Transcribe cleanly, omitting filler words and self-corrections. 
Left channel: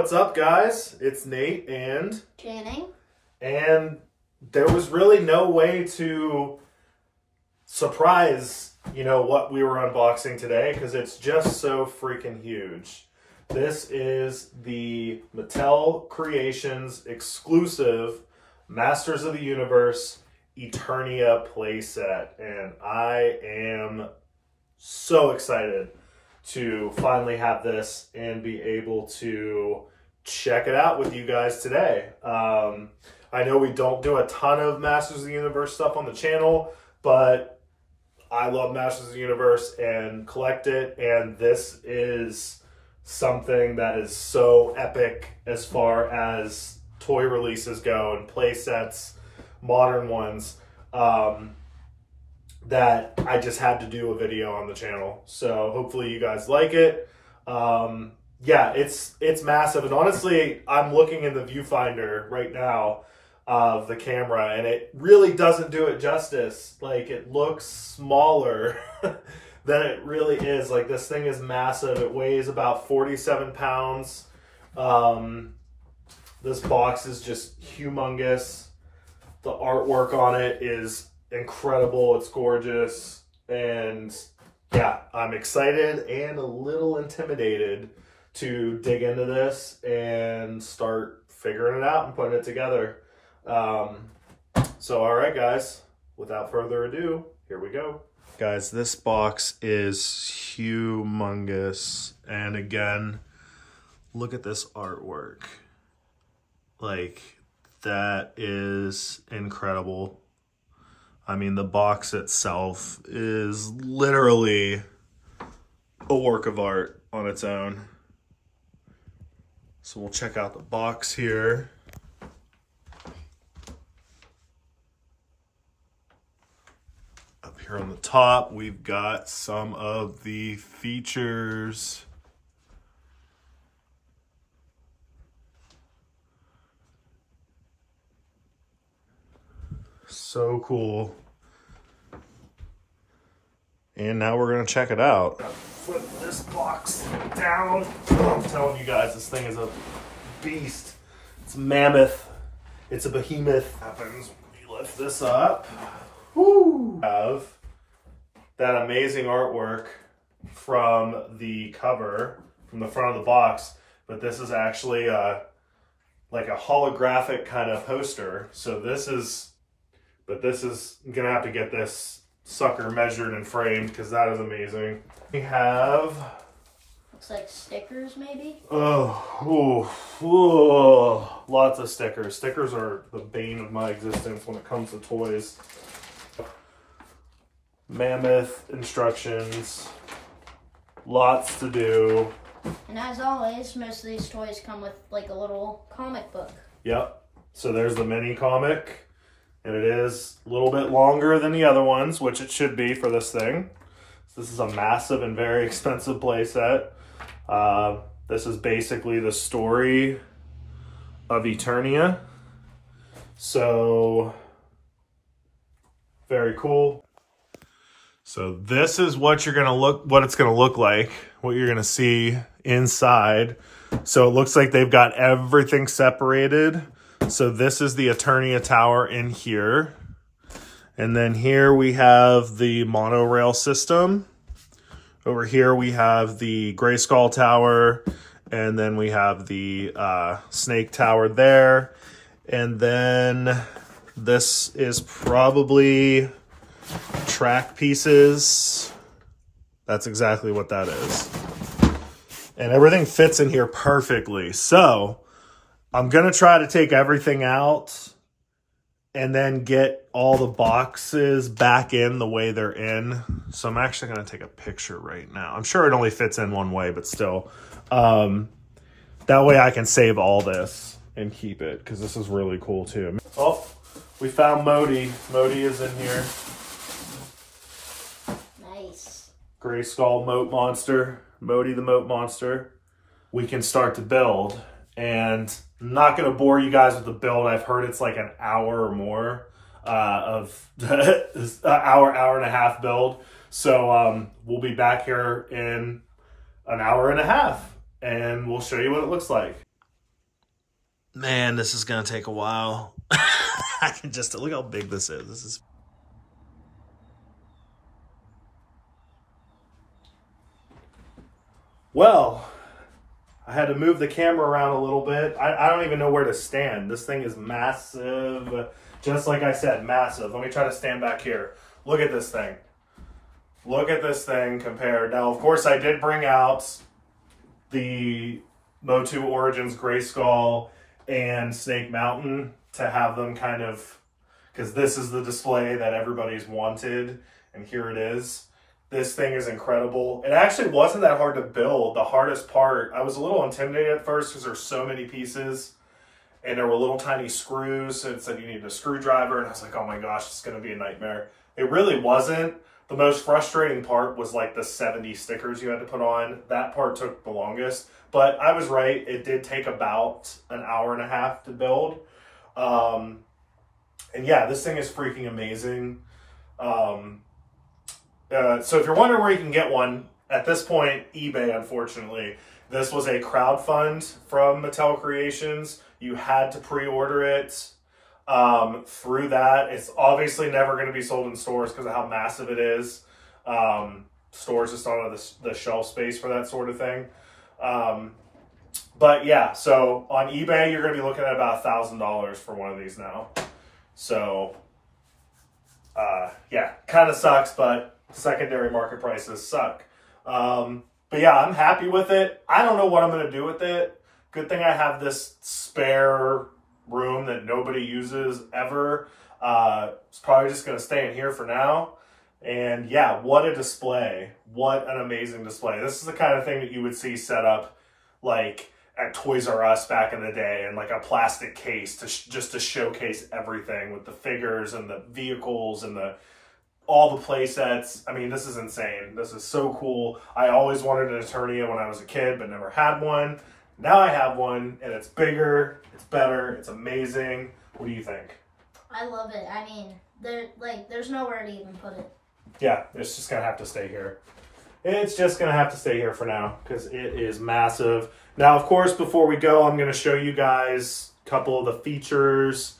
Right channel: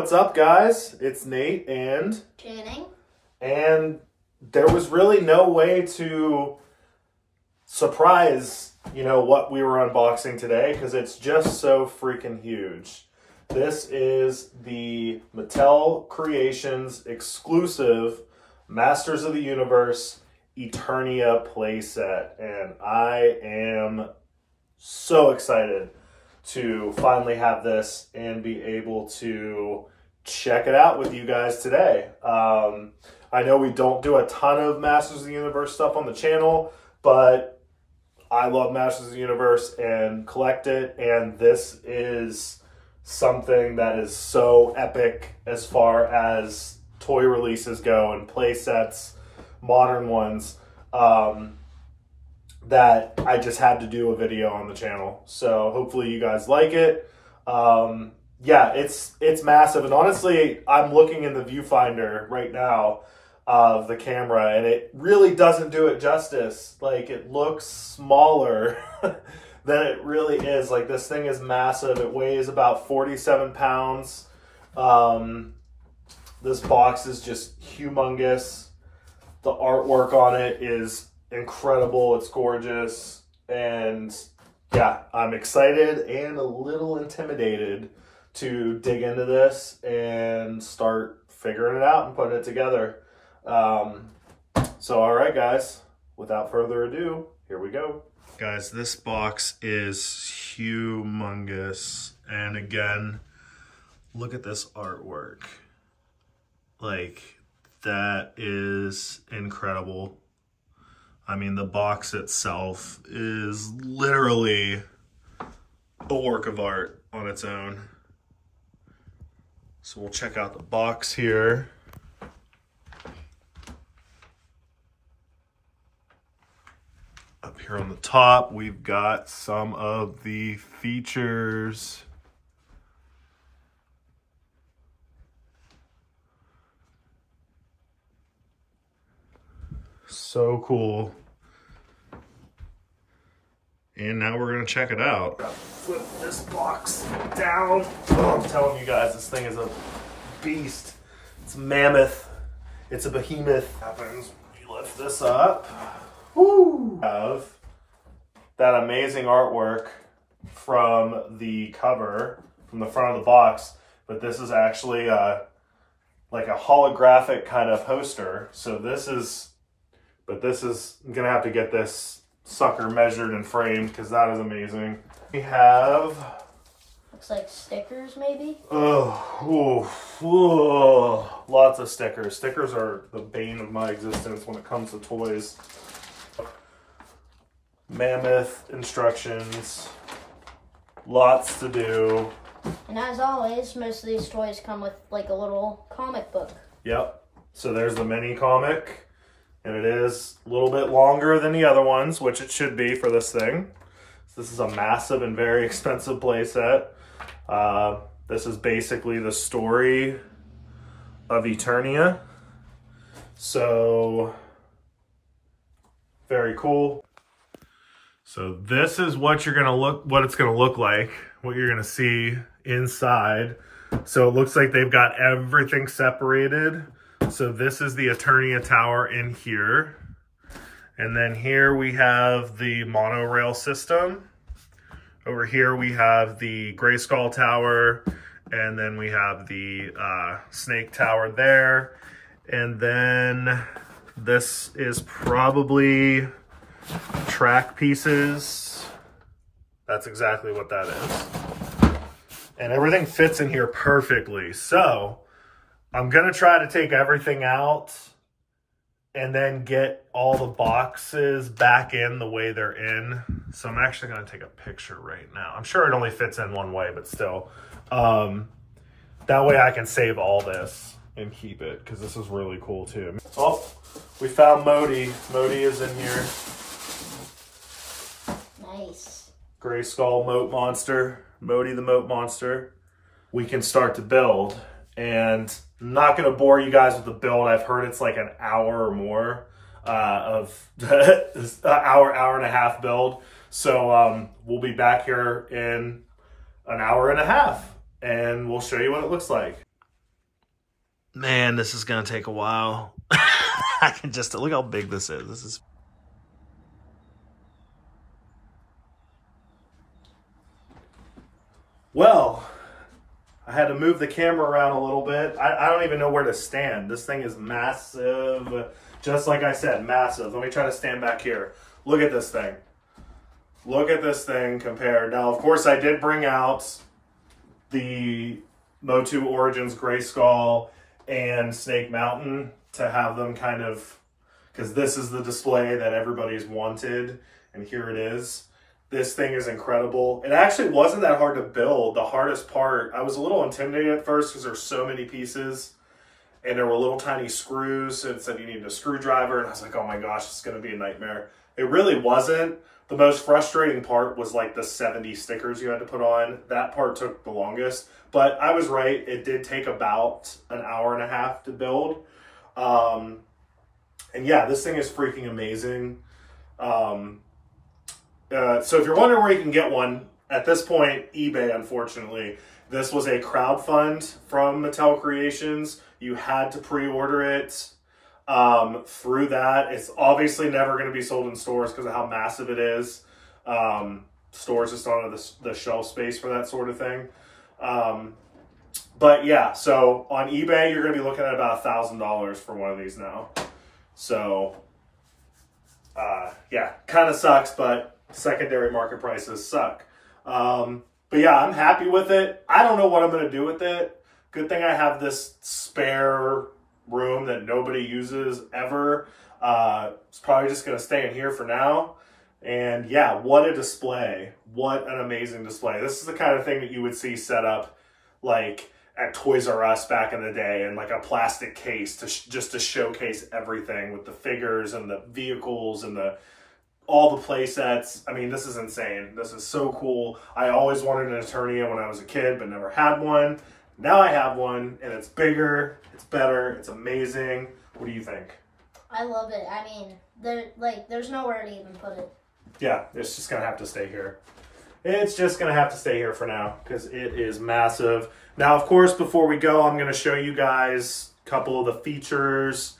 What's up, guys? It's Nate and Channing. And there was really no way to surprise, what we were unboxing today because it's just so freaking huge. This is the Mattel Creations exclusive Masters of the Universe Eternia playset, and I am so excited to finally have this and be able to check it out with you guys today. I know we don't do a ton of Masters of the Universe stuff on the channel, but I love Masters of the Universe and collect it, and this is something that is so epic as far as toy releases go and play sets, modern ones, that I just had to do a video on the channel. So hopefully you guys like it. Yeah, it's massive. And honestly, I'm looking in the viewfinder right now of the camera, and it really doesn't do it justice. Like, it looks smaller than it really is. Like, this thing is massive. It weighs about 47 pounds. This box is just humongous. The artwork on it is incredible. It's gorgeous. And yeah, I'm excited and a little intimidated to dig into this and start figuring it out and putting it together. So all right, guys, without further ado, here we go. Guys, this box is humongous. And again, look at this artwork. Like, that is incredible. I mean, the box itself is literally a work of art on its own. So we'll check out the box here. Up here on the top, we've got some of the features. So cool. And now we're gonna check it out. Flip this box down. Oh, I'm telling you guys, this thing is a beast. It's a mammoth. It's a behemoth. Happens when you lift this up. Woo! Have that amazing artwork from the cover, from the front of the box, but this is actually like a holographic kind of poster. So this is I'm gonna have to get this sucker measured and framed because that is amazing. We have, looks like stickers, maybe. Oh, lots of stickers. Stickers are the bane of my existence when it comes to toys. Mammoth instructions, lots to do. And as always, most of these toys come with like a little comic book. Yep. So there's the mini comic. And it is a little bit longer than the other ones, which it should be for this thing. So this is a massive and very expensive playset. This is basically the story of Eternia. So, very cool. So this is what it's gonna look like, what you're gonna see inside. So it looks like they've got everything separated. So this is the Eternia Tower in here. And then here we have the monorail system. Over here we have the Grayskull Tower. And then we have the Snake Tower there. And then this is probably track pieces. That's exactly what that is. And everything fits in here perfectly. So I'm gonna try to take everything out and then get all the boxes back in the way they're in. So I'm actually gonna take a picture right now. I'm sure it only fits in one way, but still. That way I can save all this and keep it, because this is really cool too. Oh, we found Modi. Modi is in here. Nice. Grayskull Moat Monster. Modi the Moat Monster. We can start to build. And I'm not going to bore you guys with the build. I've heard it's like an hour or more of hour and a half build. So we'll be back here in an hour and a half and we'll show you what it looks like. Man, this is going to take a while. I can just, look how big this is. This is. Well, I had to move the camera around a little bit. I don't even know where to stand. This thing is massive. Just like I said, massive. Let me try to stand back here. Look at this thing. Look at this thing compared. Now, of course, I did bring out the Motu Origins Grayskull and Snake Mountain to have them kind of, because this is the display that everybody's wanted, and here it is. This thing is incredible. It actually wasn't that hard to build. The hardest part, I was a little intimidated at first because there's so many pieces and there were little tiny screws. So it said you need a screwdriver, and I was like, oh my gosh, it's going to be a nightmare. It really wasn't. The most frustrating part was like the 70 stickers you had to put on. That part took the longest, but I was right. It did take about an hour and a half to build. And yeah, this thing is freaking amazing. So if you're wondering where you can get one, at this point, eBay, unfortunately. This was a crowdfund from Mattel Creations. You had to pre-order it through that. It's obviously never going to be sold in stores because of how massive it is. Stores just don't have the shelf space for that sort of thing. But yeah, so on eBay, you're going to be looking at about $1,000 for one of these now. So yeah, kind of sucks, but secondary market prices suck. But yeah, I'm happy with it. I don't know what I'm going to do with it. Good thing I have this spare room that nobody uses ever. It's probably just going to stay in here for now. And yeah, what a display. What an amazing display. This is the kind of thing that you would see set up like at Toys R Us back in the day, in like a plastic case to just to showcase everything with the figures and the vehicles and all the play sets. I mean, this is insane. This is so cool. I always wanted an Eternia when I was a kid, but never had one. Now I have one, and it's bigger, it's better, it's amazing. What do you think? I love it. I mean, there's nowhere to even put it. Yeah, it's just going to have to stay here. It's just going to have to stay here for now because it is massive. Now, of course, before we go, I'm going to show you guys a couple of the features